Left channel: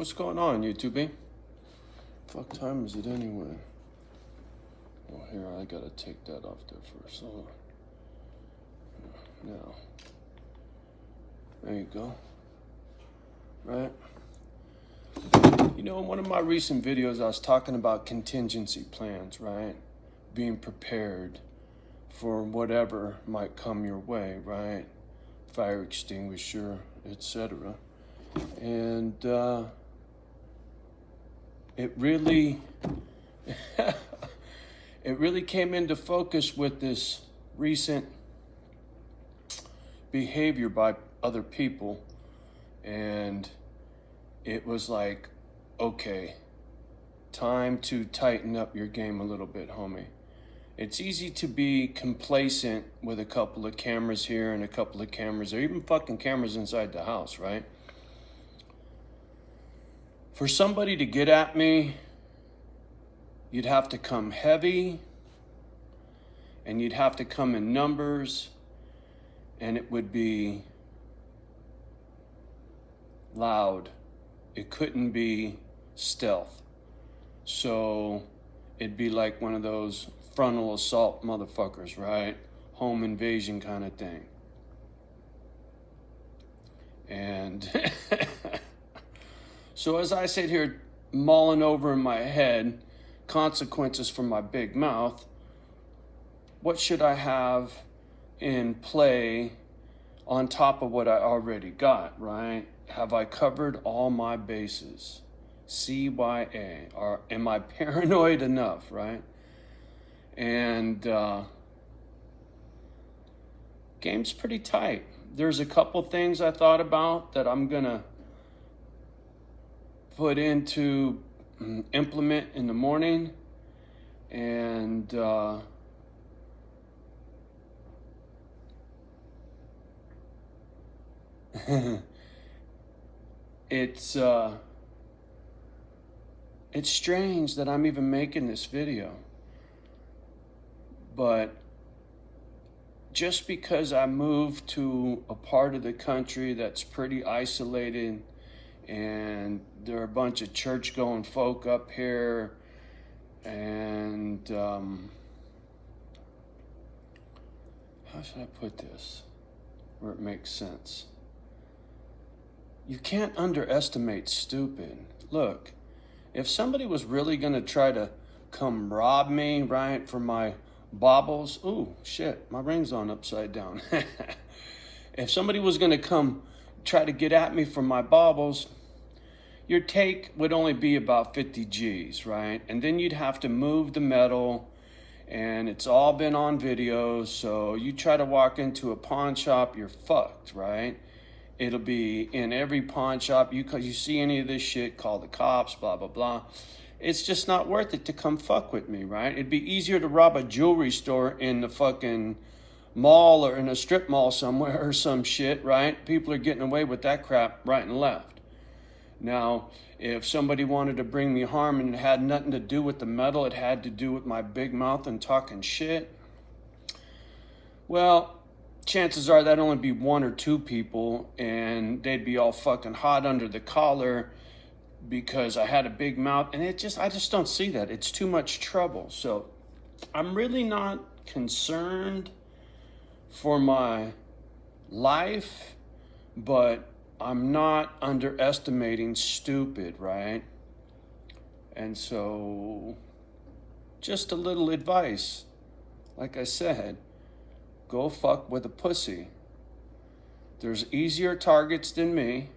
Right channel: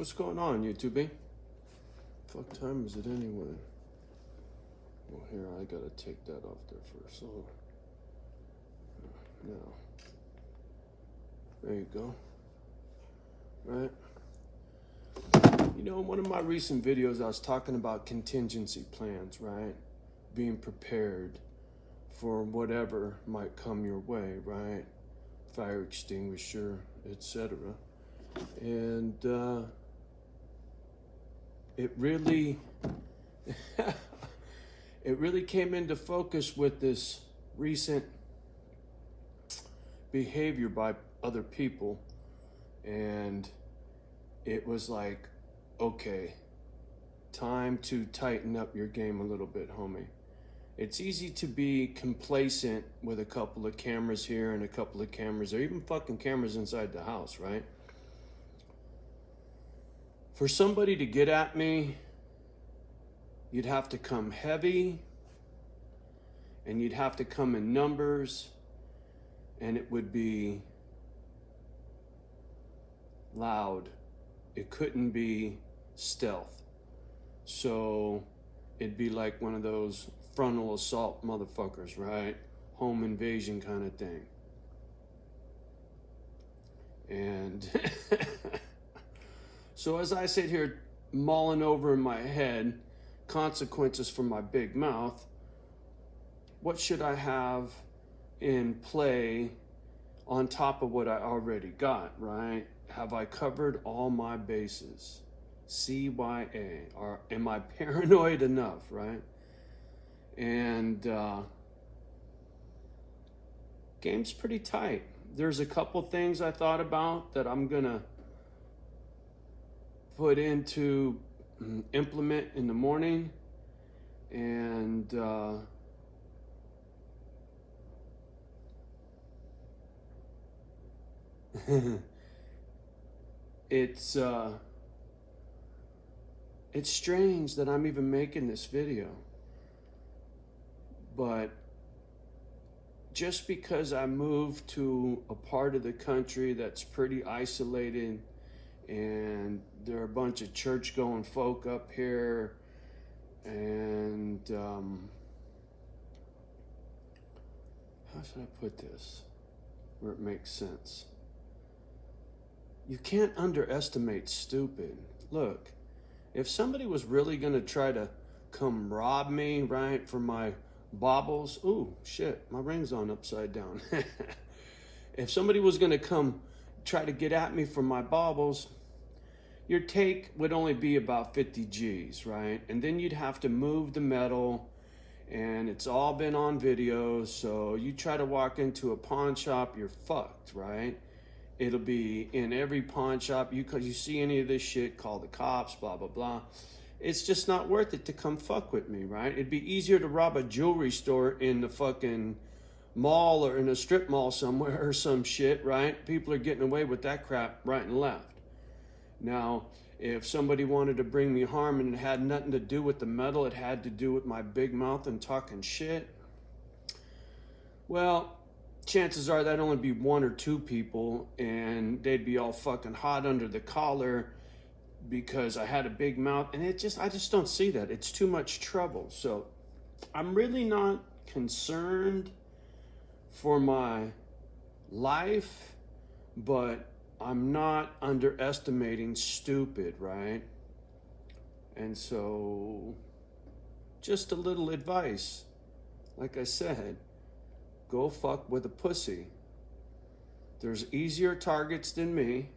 What's going on, YouTube? Fuck time is it anyway? Well, here, I gotta take that off there first. Hold on. Now. There you go. Right? You know, in one of my recent videos, I was talking about contingency plans, right? Being prepared for whatever might come your way, right? Fire extinguisher, etc. And it really it really came into focus with this recent behavior by other people, and it was like, okay, time to tighten up your game a little bit, homie. It's easy to be complacent with a couple of cameras here and a couple of cameras, or even fucking cameras inside the house, right? For somebody to get at me, you'd have to come heavy, and you'd have to come in numbers, and it would be loud. It couldn't be stealth. So it'd be like one of those frontal assault motherfuckers, right? Home invasion kind of thing. And so as I sit here mulling over in my head consequences for my big mouth, what should I have in play on top of what I already got, right? Have I covered all my bases? CYA, or am I paranoid enough, right? And game's pretty tight. There's a couple things I thought about that I'm gonna put into implement in the morning, and it's strange that I'm even making this video, but just because I moved to a part of the country that's pretty isolated, and there are a bunch of church-going folk up here, and how should I put this where it makes sense? You can't underestimate stupid. Look, if somebody was really gonna try to come rob me, right, for my baubles, ooh, shit, my ring's on upside down. If somebody was gonna come try to get at me for my baubles, your take would only be about 50 G's, right? And then you'd have to move the metal, and it's all been on video, so you try to walk into a pawn shop, you're fucked, right? It'll be in every pawn shop. You see any of this shit, call the cops, blah, blah, blah. It's just not worth it to come fuck with me, right? It'd be easier to rob a jewelry store in the fucking mall or in a strip mall somewhere or some shit, right? People are getting away with that crap right and left. Now, if somebody wanted to bring me harm and it had nothing to do with the metal, it had to do with my big mouth and talking shit, well, chances are that'd only be one or two people, and they'd be all fucking hot under the collar because I had a big mouth, and I just don't see that. It's too much trouble. So I'm really not concerned for my life, but I'm not underestimating stupid, right? And so just a little advice. Like I said, go fuck with a pussy. There's easier targets than me.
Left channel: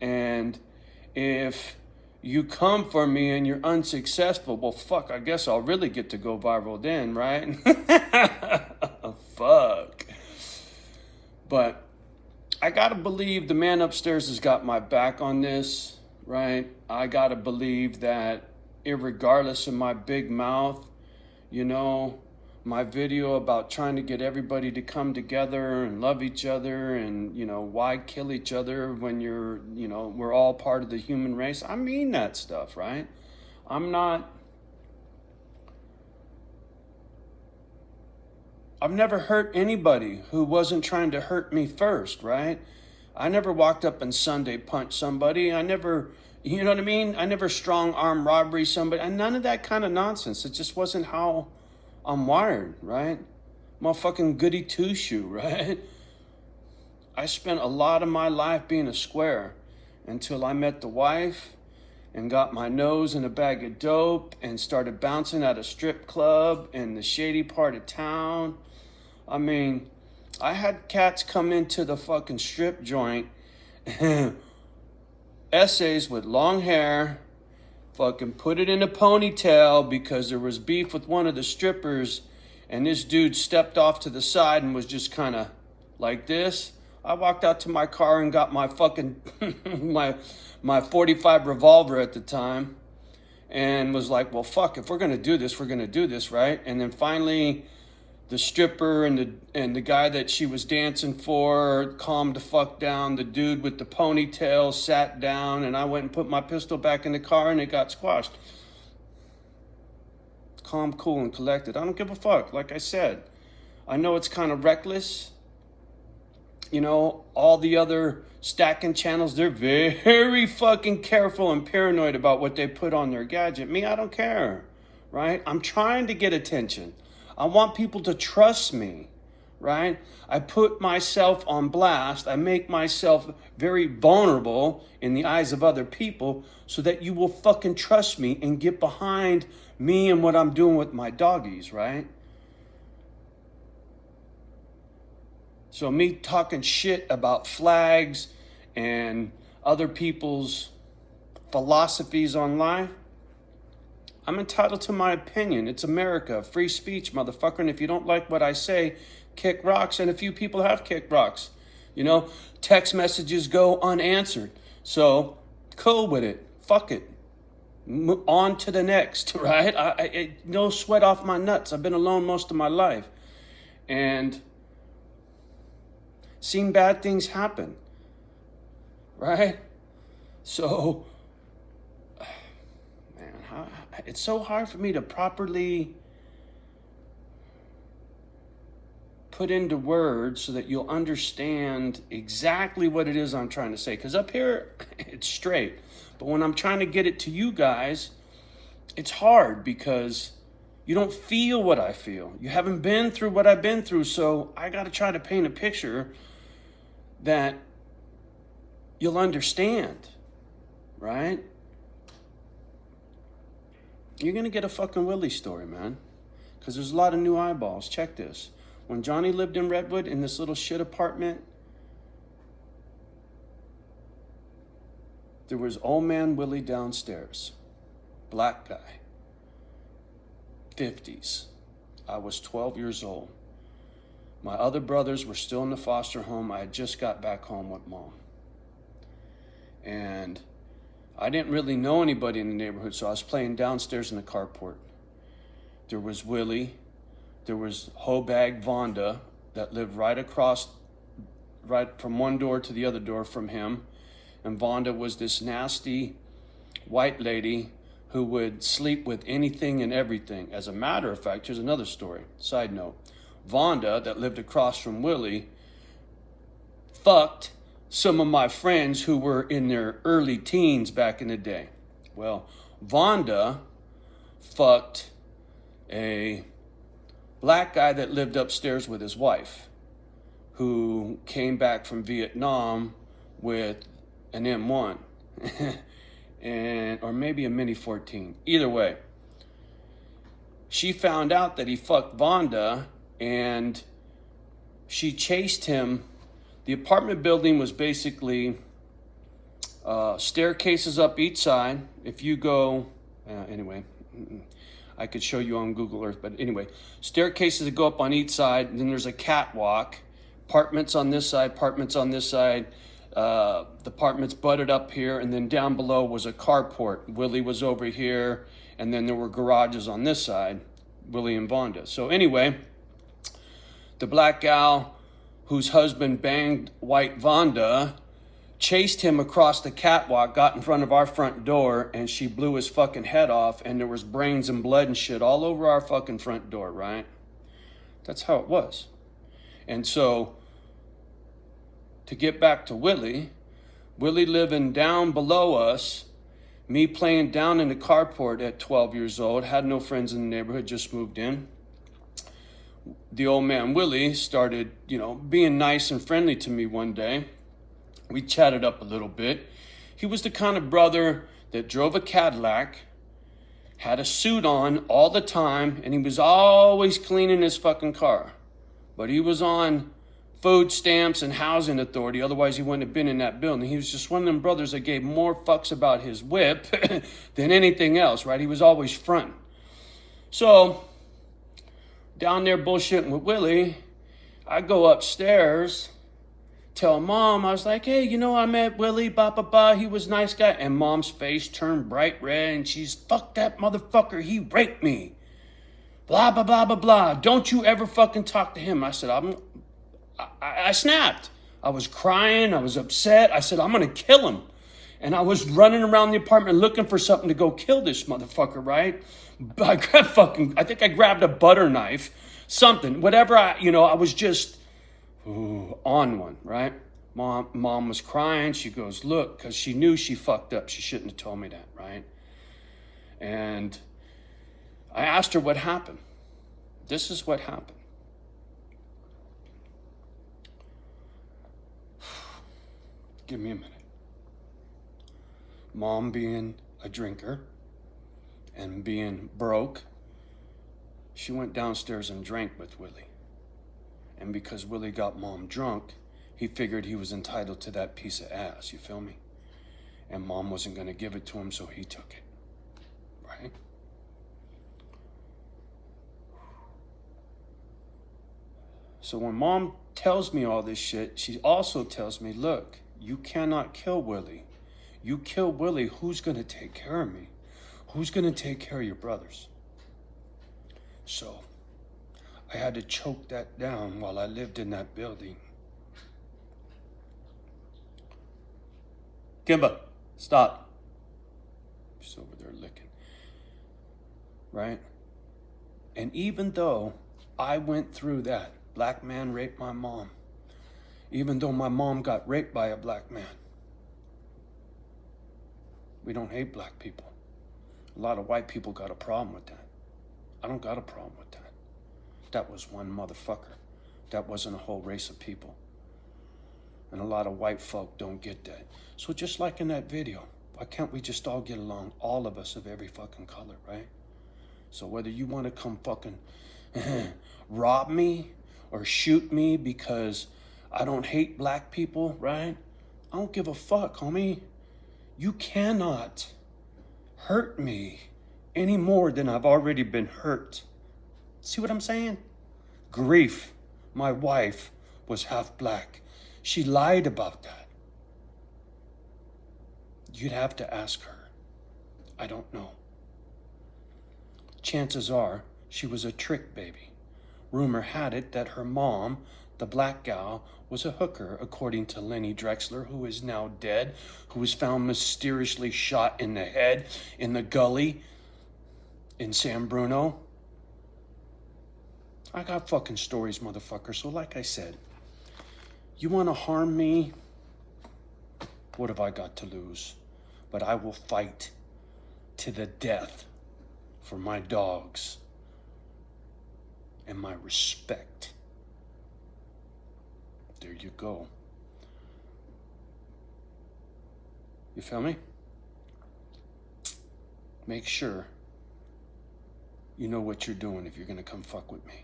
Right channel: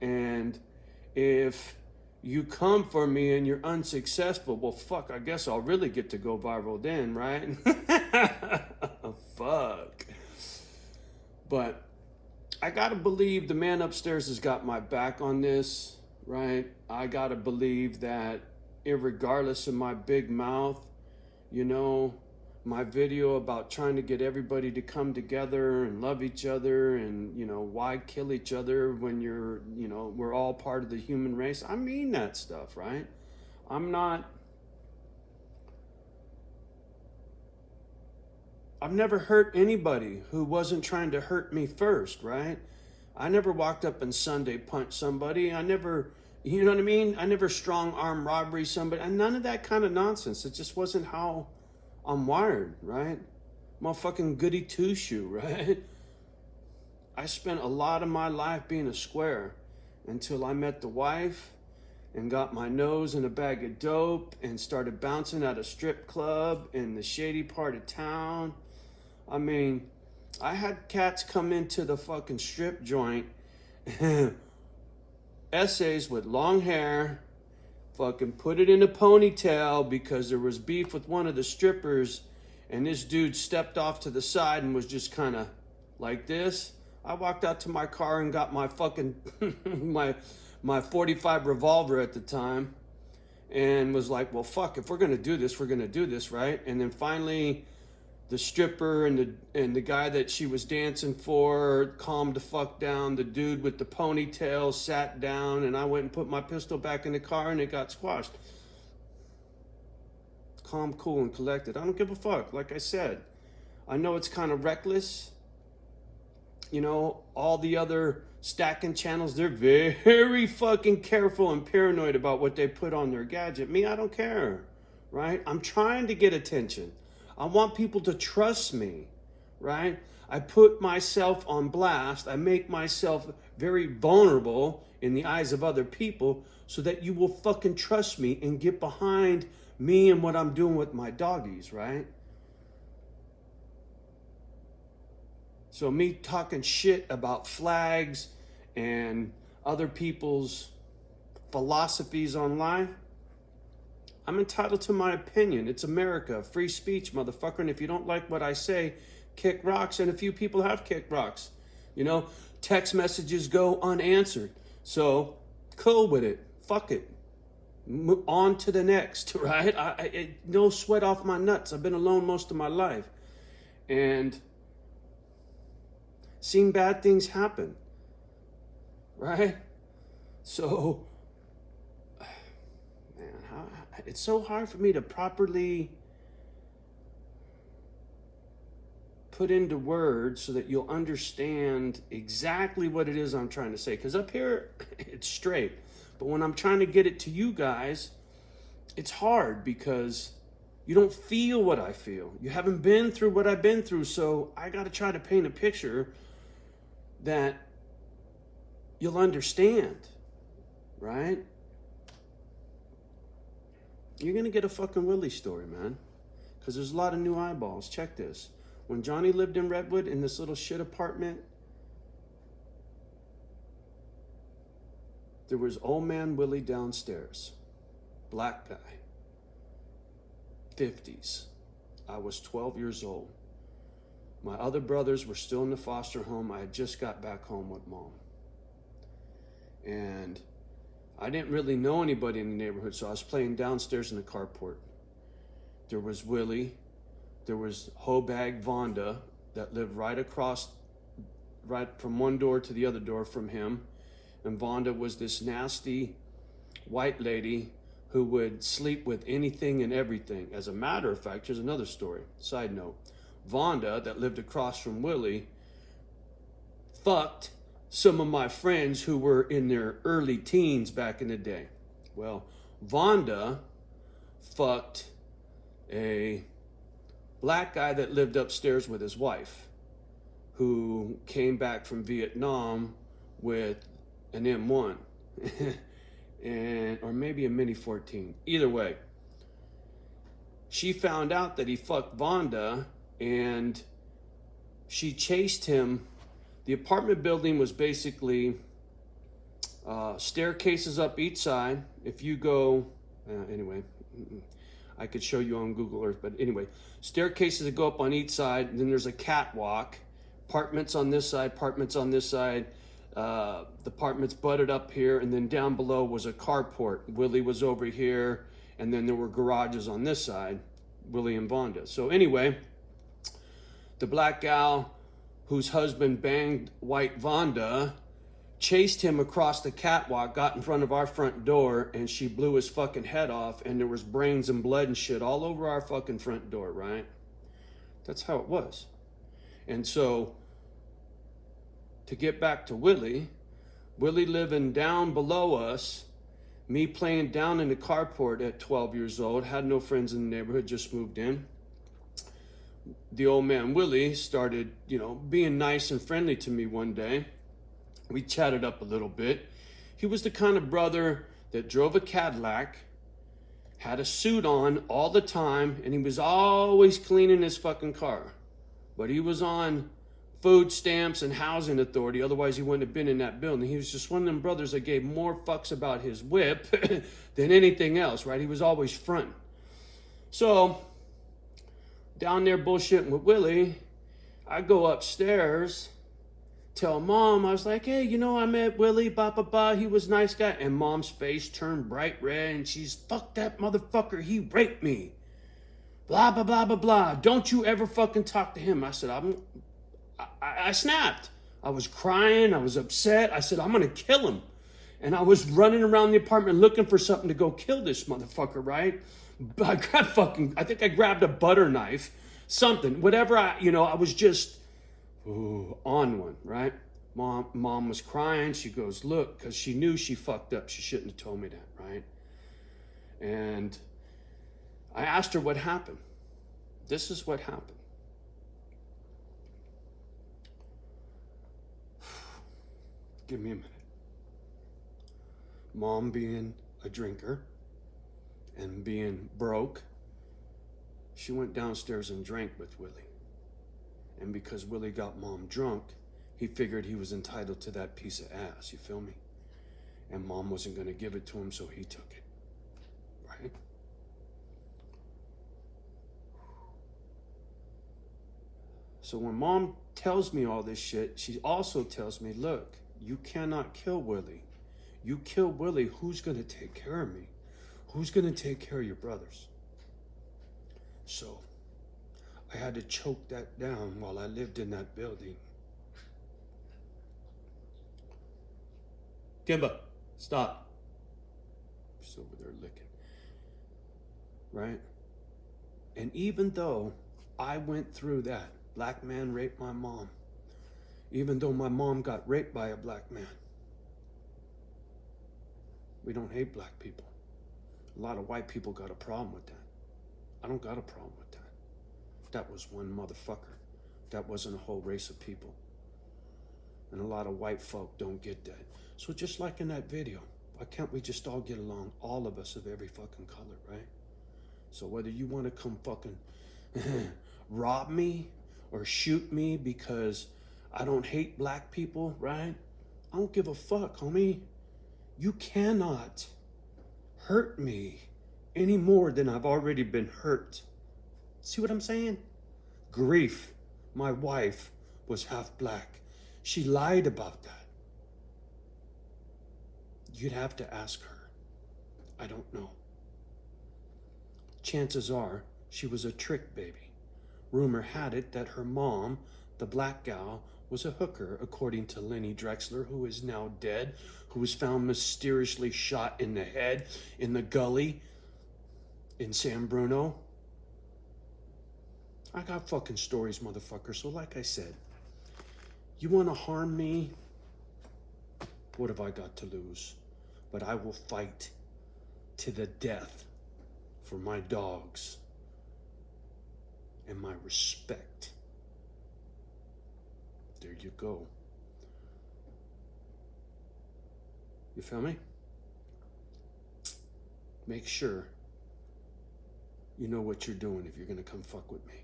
And if you come for me and you're unsuccessful, well, fuck, I guess I'll really get to go viral then, right? Fuck. But I gotta believe the man upstairs has got my back on this, right? I gotta believe that irregardless of my big mouth, you know, my video about trying to get everybody to come together and love each other, and, you know, why kill each other when we're all part of the human race. I mean that stuff, right? I've never hurt anybody who wasn't trying to hurt me first, right? I never walked up and Sunday punched somebody. I never, you know what I mean? I never strong arm robbery somebody. And none of that kind of nonsense. It just wasn't how I'm wired, right? Motherfucking goody two-shoe, right? I spent a lot of my life being a square until I met the wife and got my nose in a bag of dope and started bouncing at a strip club in the shady part of town. I mean, I had cats come into the fucking strip joint, essays with long hair, fucking put it in a ponytail because there was beef with one of the strippers, and this dude stepped off to the side and was just kind of like this. I walked out to my car and got my fucking my 45 revolver at the time, and was like, well, fuck, if we're gonna do this, we're gonna do this, right? And then finally, the stripper and the guy that she was dancing for calmed the fuck down. The dude with the ponytail sat down, and I went and put my pistol back in the car, and it got squashed. Calm, cool, and collected. I don't give a fuck. Like I said, I know it's kind of reckless. You know, all the other stacking channels, they're very fucking careful and paranoid about what they put on their gadget. Me, I don't care, right? I'm trying to get attention. I want people to trust me, right? I put myself on blast. I make myself very vulnerable in the eyes of other people so that you will fucking trust me and get behind me and what I'm doing with my doggies, right? So me talking shit about flags and other people's philosophies on life, I'm entitled to my opinion. It's America, free speech, motherfucker. And if you don't like what I say, kick rocks. And a few people have kicked rocks. You know, text messages go unanswered. So, cool with it. Fuck it. On to the next, right? I no sweat off my nuts. I've been alone most of my life. And seen bad things happen, right? So, man, it's so hard for me to properly put into words so that you'll understand exactly what it is I'm trying to say. Because up here, it's straight. But when I'm trying to get it to you guys, it's hard because you don't feel what I feel. You haven't been through what I've been through, so I got to try to paint a picture that you'll understand, right? You're going to get a fucking Willie story, man. Because there's a lot of new eyeballs. Check this. When Johnny lived in Redwood in this little shit apartment, there was old man Willie downstairs. Black guy. 50s. I was 12 years old. My other brothers were still in the foster home. I had just got back home with mom. And I didn't really know anybody in the neighborhood, so I was playing downstairs in the carport. There was Willie. There was Hobag Vonda that lived right across, right from one door to the other door from him. And Vonda was this nasty white lady who would sleep with anything and everything. As a matter of fact, here's another story. Side note. Vonda, that lived across from Willie, fucked some of my friends who were in their early teens back in the day. Well, Vonda fucked a black guy that lived upstairs with his wife, who came back from Vietnam with an M1, or maybe a Mini 14. Either way, she found out that he fucked Vonda, and she chased him. The apartment building was basically staircases up each side. If you go, anyway, I could show you on Google Earth, but anyway, staircases that go up on each side, and then there's a catwalk, apartments on this side, apartments on this side, the apartments butted up here, and then down below was a carport. Willie was over here, and then there were garages on this side, Willie and Vonda. So anyway, the black gal whose husband banged white Vonda chased him across the catwalk, got in front of our front door, and she blew his fucking head off, and there was brains and blood and shit all over our fucking front door, right? That's how it was. And so, to get back to Willie. Willie living down below us, me playing down in the carport at 12 years old, had no friends in the neighborhood, just moved in. The old man Willie started, being nice and friendly to me one day. We chatted up a little bit. He was the kind of brother that drove a Cadillac, had a suit on all the time, and he was always cleaning his fucking car. But he was on food stamps and housing authority, otherwise he wouldn't have been in that building. He was just one of them brothers that gave more fucks about his whip than anything else, right? He was always fronting. So, down there bullshitting with Willie, I go upstairs, tell Mom, I was like, hey, I met Willie, he was a nice guy. And Mom's face turned bright red, and she's, fuck that motherfucker, he raped me. Blah, blah, blah, blah, blah. Don't you ever fucking talk to him. I said, I snapped. I was crying, I was upset. I said, I'm gonna kill him. And I was running around the apartment looking for something to go kill this motherfucker, right? I think I grabbed a butter knife, something, whatever I was just on one, right? Mom was crying. She goes, look, because she knew she fucked up. She shouldn't have told me that, right? And I asked her what happened. This is what happened. Give me a minute. Mom being a drinker and being broke, she went downstairs and drank with Willie. And because Willie got Mom drunk, he figured he was entitled to that piece of ass, you feel me? And Mom wasn't gonna give it to him, so he took it, right? So when Mom tells me all this shit, she also tells me, look, you cannot kill Willie. You kill Willie, who's gonna take care of me? Who's gonna take care of your brothers? So I had to choke that down while I lived in that building. Kimba, stop. She's over there licking. Right? And even though I went through that, black man raped my mom, even though my mom got raped by a black man, we don't hate black people. A lot of white people got a problem with that. I don't got a problem with that. That was one motherfucker. That wasn't a whole race of people. And a lot of white folk don't get that. So just like in that video, why can't we just all get along, all of us of every fucking color, right? So whether you want to come fucking rob me or shoot me because I don't hate black people, right? I don't give a fuck, homie. You cannot hurt me any more than I've already been hurt. See what I'm saying? Grief, my wife, was half black. She lied about that. You'd have to ask her. I don't know. Chances are she was a trick baby. Rumor had it that her mom, the black gal, was a hooker, according to Lenny Drexler, who is now dead, who was found mysteriously shot in the head in the gully in San Bruno. I got fucking stories, motherfucker. So like I said, you want to harm me? What have I got to lose? But I will fight to the death for my dogs and my respect. There you go. You feel me? Make sure you know what you're doing if you're gonna come fuck with me.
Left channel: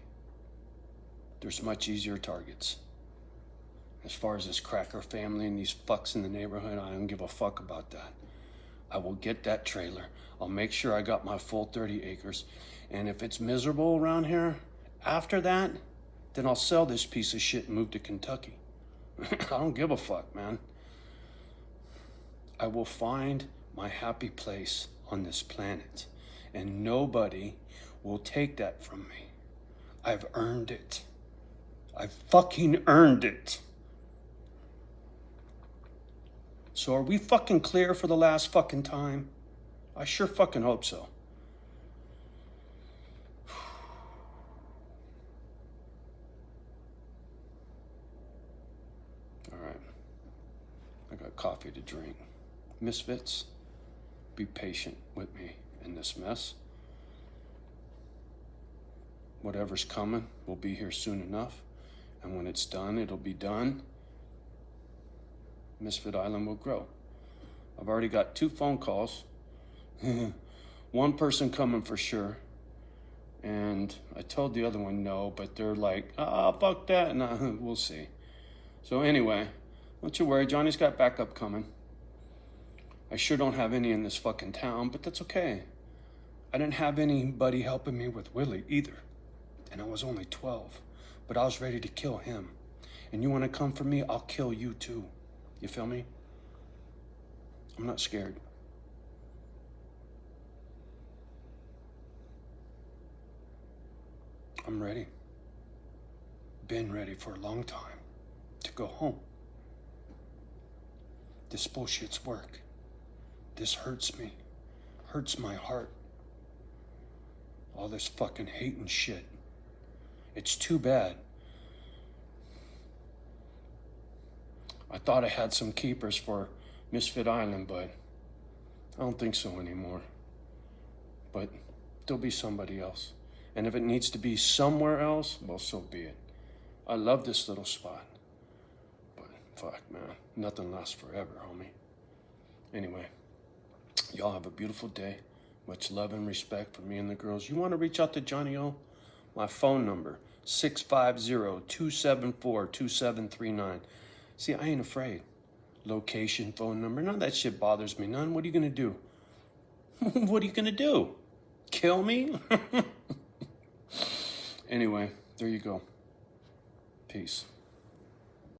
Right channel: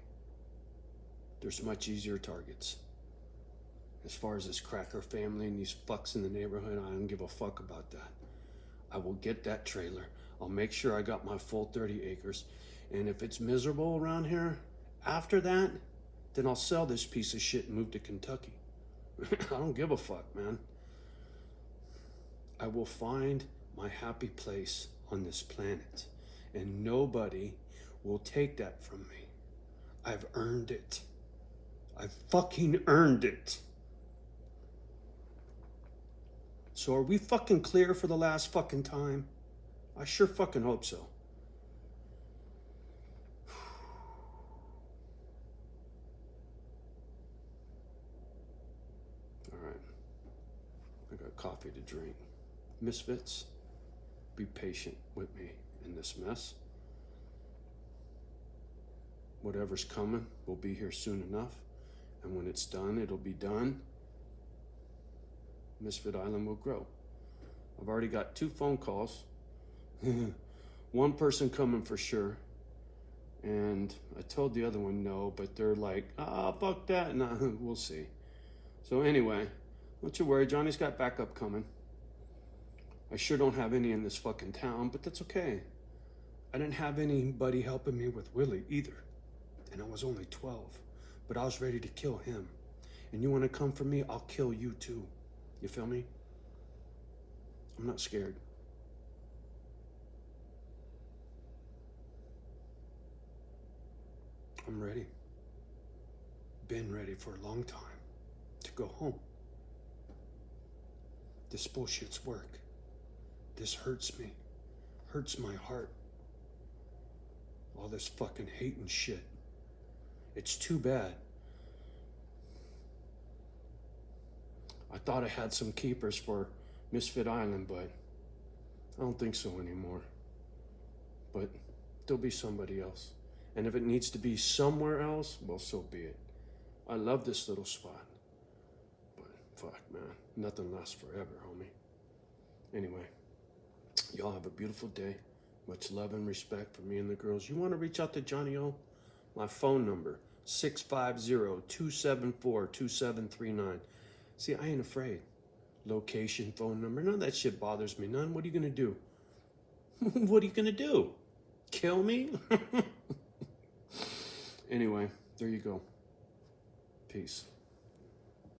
There's much easier targets. As far as this cracker family and these fucks in the neighborhood, I don't give a fuck about that. I will get that trailer. I'll make sure I got my full 30 acres. And if it's miserable around here, after that, then I'll sell this piece of shit and move to Kentucky. I don't give a fuck, man. I will find my happy place on this planet, and nobody will take that from me. I've earned it. I've fucking earned it. So are we fucking clear for the last fucking time? I sure fucking hope so. All right. got coffee to drink. Misfits, be patient with me in this mess. Whatever's coming will be here soon enough. And when it's done, it'll be done. Misfit Island will grow. I've already got 2 phone calls. One person coming for sure. And I told the other one no, but they're like, fuck that. Nah, we'll see. So anyway, don't you worry, Johnny's got backup coming. I sure don't have any in this fucking town, but that's okay. I didn't have anybody helping me with Willie either. And I was only 12, but I was ready to kill him. And you want to come for me, I'll kill you too. You feel me? I'm not scared. I'm ready. Been ready for a long time to go home. This bullshit's work. This hurts me. Hurts my heart. All this fucking hate and shit. It's too bad. I thought I had some keepers for Misfit Island, but I don't think so anymore. But there'll be somebody else. And if it needs to be somewhere else, well, so be it. I love this little spot. But fuck, man, nothing lasts forever, homie. Anyway, y'all have a beautiful day. Much love and respect for me and the girls. You want to reach out to Johnny O? My phone number, 650-274-2739. See, I ain't afraid. Location, phone number, none of that shit bothers me none. What are you gonna do? What are you gonna do? Kill me? Anyway, there you go. Peace.